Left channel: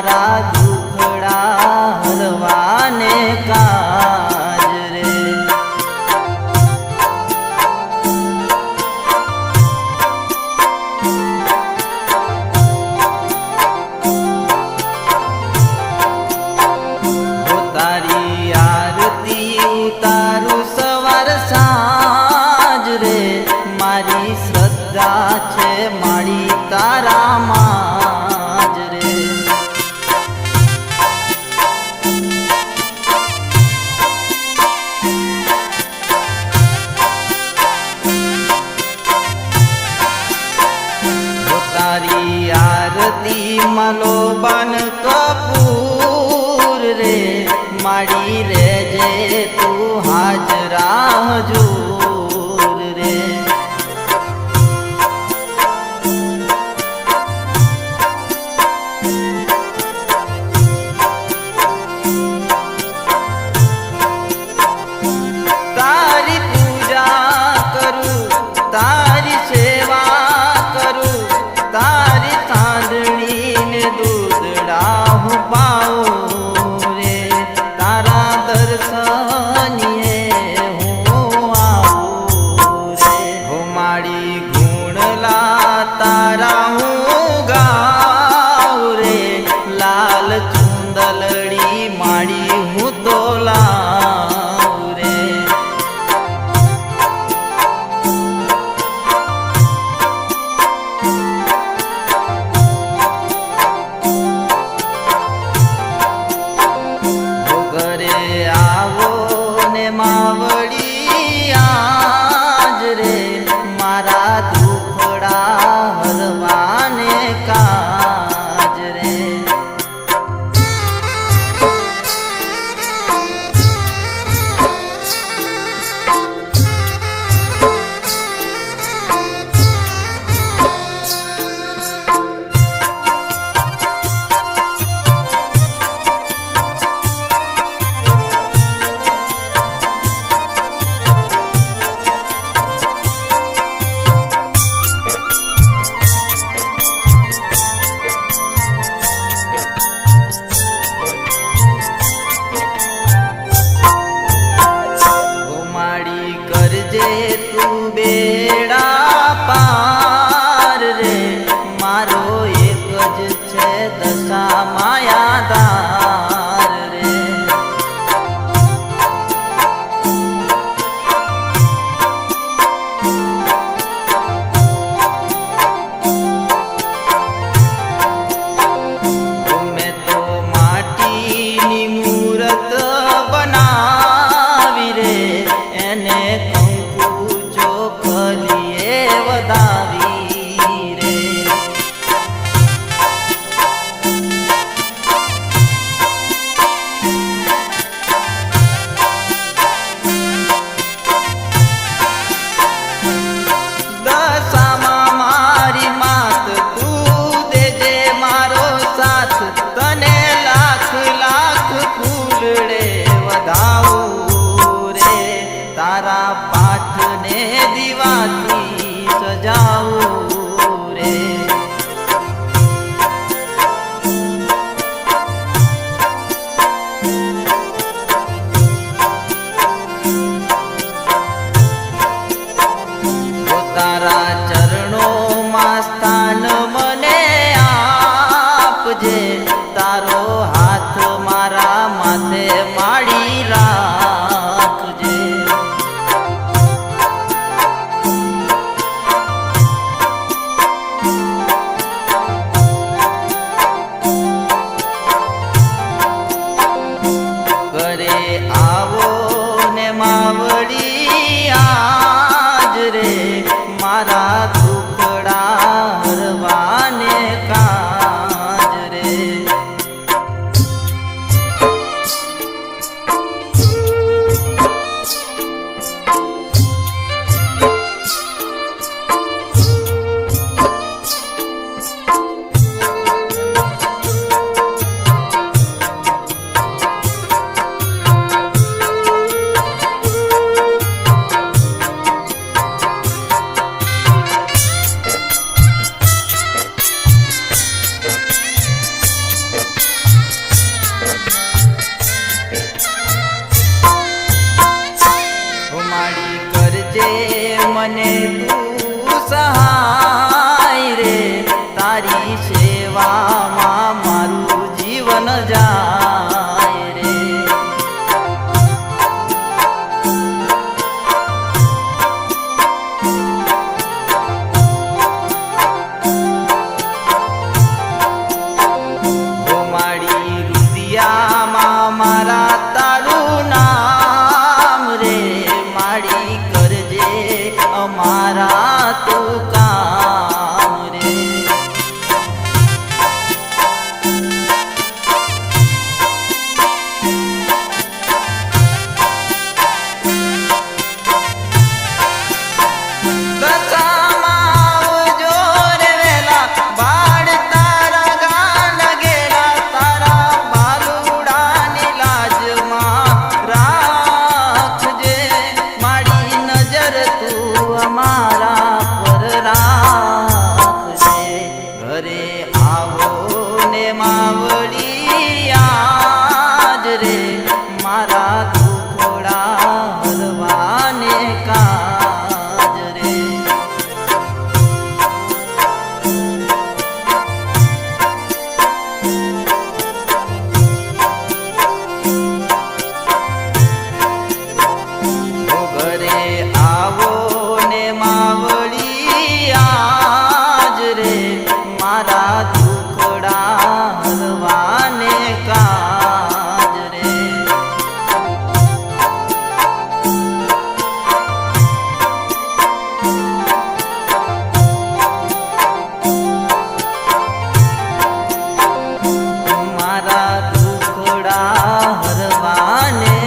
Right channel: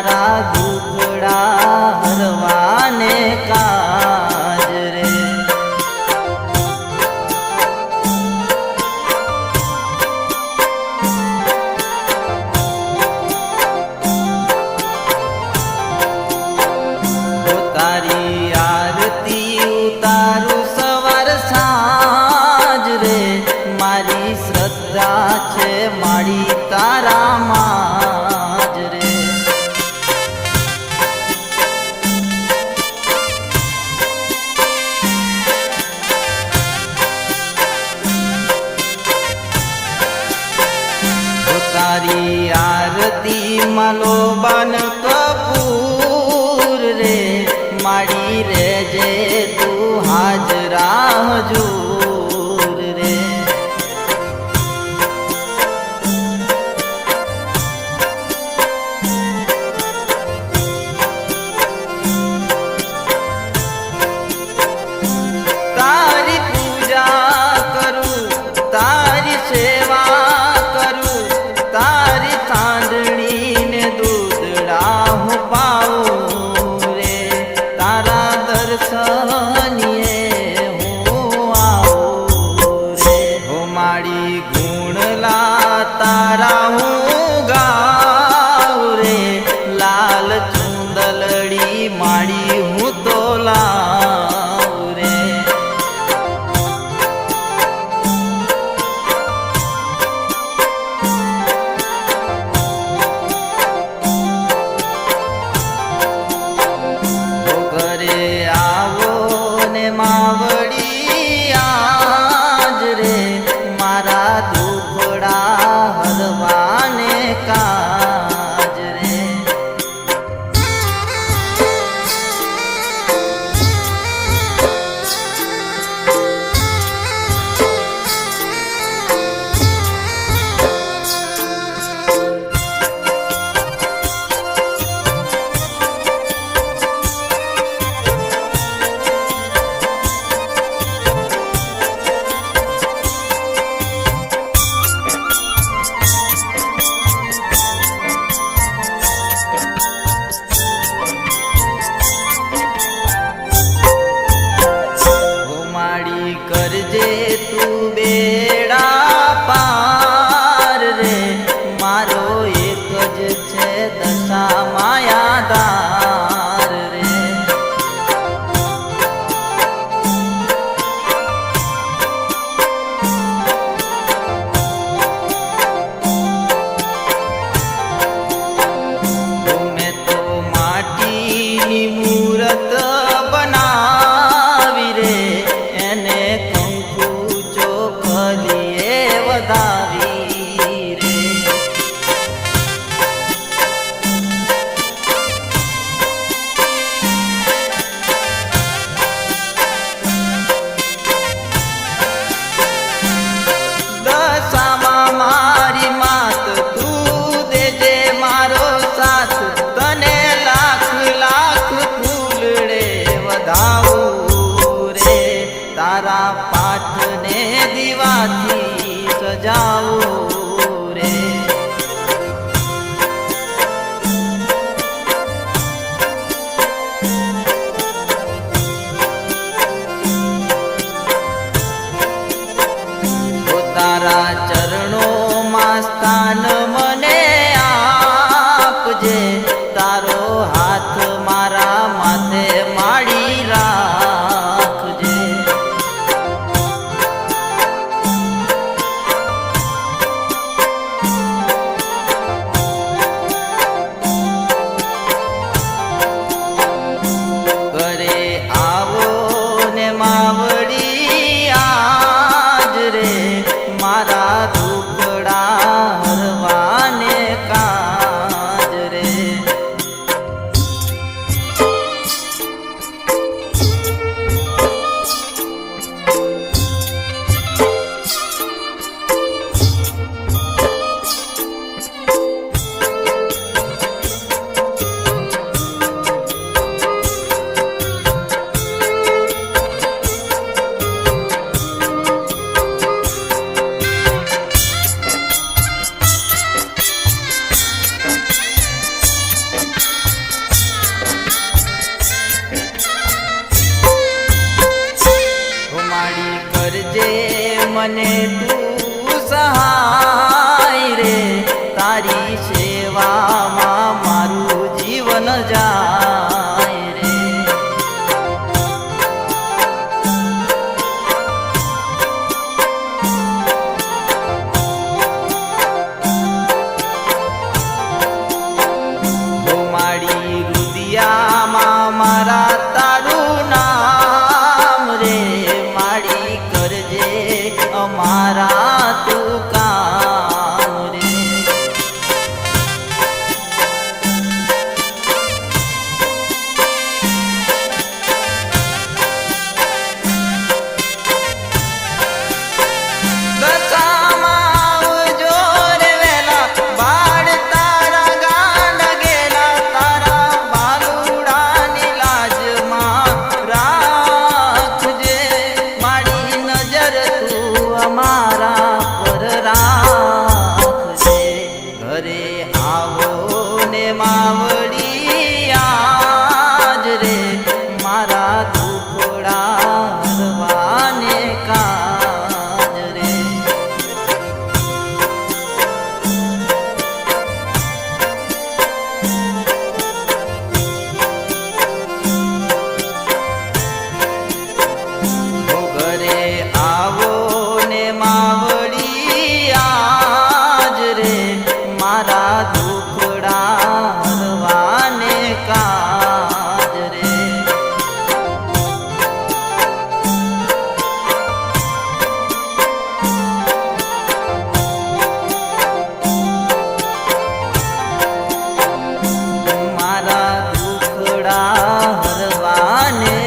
मारा दुखड़ा हरवाने काज रे। तारी आरती उतारू सवार साँज रे, मारी श्रद्धा छे मारी तारा माज रे। तारी आरती मालो बन कपूर रे, माड़ी रे जे तू हाजरा हजूर रे। तारी पूजा करूं तारी सेवा करूं, तारी चांदनी ने दूधड़ा हूँ पाऊं रे। तारा दर्शनिए हूँ आऊं रे। हो माड़ी गुणला तारा हूँ गाऊं रे, लाल चूंदलड़ी माड़ी हूँ तो लाऊं रे। घरे आवो ने मावड़ी आज रे, मारा दुखड़ा हरवाने काज रे। करजे तू बेड़ा पार रे, मारो एक ज छे दशा मायादार रे। मैं तो माटी नी मूरत बनावी रे, एने कंकु चोखलिए वदावी रे। दशामा मारी मात तू देजे मारो साथ, तने लाख लाख फूलड़े वधाऊ रे। तारा पाठ ने दीवाथी सजाऊ रे। तारा चरणों में स्थान मने आपजे, तारो हाथ मारा माथे माड़ी राखजे। घरे आवो ने मावड़ी आज रे, मारा दुखड़ा हरवाने काज रे। કરજે મને તું સહાય રે તારી સેવામાં મારું જીવન જાય રે મારી રુદિયામાં મારા તારું નામ રે મારી કરજે અમારા તું કામ રે દશામાં આવજો રે વેલા બાળ તારા ગાન ગેલા તારા બાલુડાની લાજમાં રાખજે મારી નજર તું અમારા પર રાખજે ઘરે આવો ને માવડી આજ રે મારા દુખડા હરવાને કાજ રે ઘરે આવો ને માવડી આજ રે મારા દુખડા હરવાને કાજ રે મારા દુખડા હરવાને